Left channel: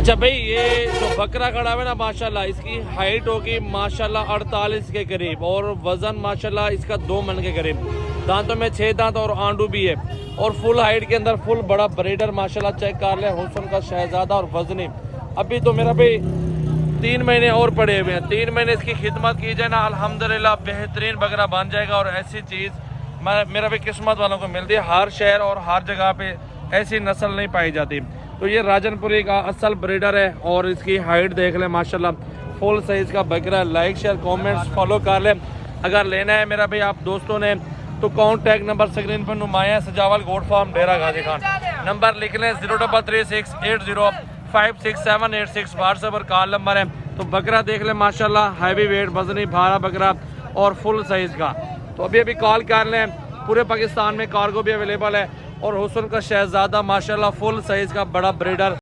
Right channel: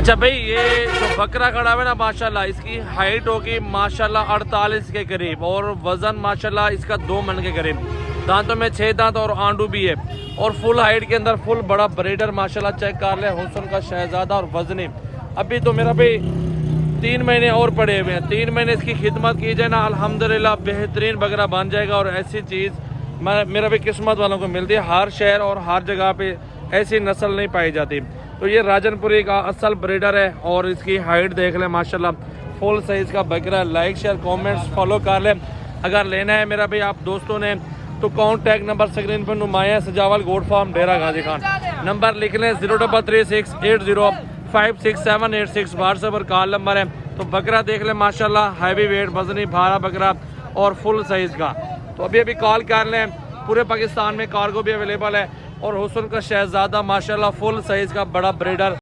अच्छा भाई, ये जो बकरा खड़ा है ना माशाल्लाह, इसकी हाइट होगी माशाल्लाह 48 के करीब और वजन माशाल्लाह इसका 2 मन के करीब। दांतों में 6 दांत और आंडू भी है और फुल हाइट के अंदर फुल बड़ा ब्रीडर माशाल्लाह। चेक कर ले, हुस्न का शहजादा और वजनी। अभी तो मेरा भाई 3 महीने और पड़े हुए हैं। 3 महीने इसकी खिदमत की जाए ना, अल्हम्दुलिल्लाह बेहतरीन बकरा बन जाएगा। और ऐसी चीज़ मेरे भी किस्मत वालों को मिलती है। हर शहर और हर जगह पे ऐसी नस्ल नहीं पाई जाती। तो ये राजनपुरी का असल ब्रीडर है और इसकी हाइट देख ले माशाल्लाह, फुल साइज का बकरा। लाइक शेयर कमेंट फॉलो कर ले। अगर लेना है मेरा भाई आप दोस्तों ने तो कॉन्टैक्ट नंबर स्क्रीन पर नुमाया सजावल गोट फार्म डेरा गाजी खान नंबर लिख लें 03368056786 व्हाट्सएप पर कॉल नंबर है। तो बकरा देख ले माशाल्लाह, हैवी वेट वजनी भारा बकरा और फुल साइज का। तो अभी कॉल कर लें। पूरे पाकिस्तान में कार्गो भी अवेलेबल है और हुस्न का शहजादा माशाल्लाह फुल साइज का बड़ा ब्रीडर।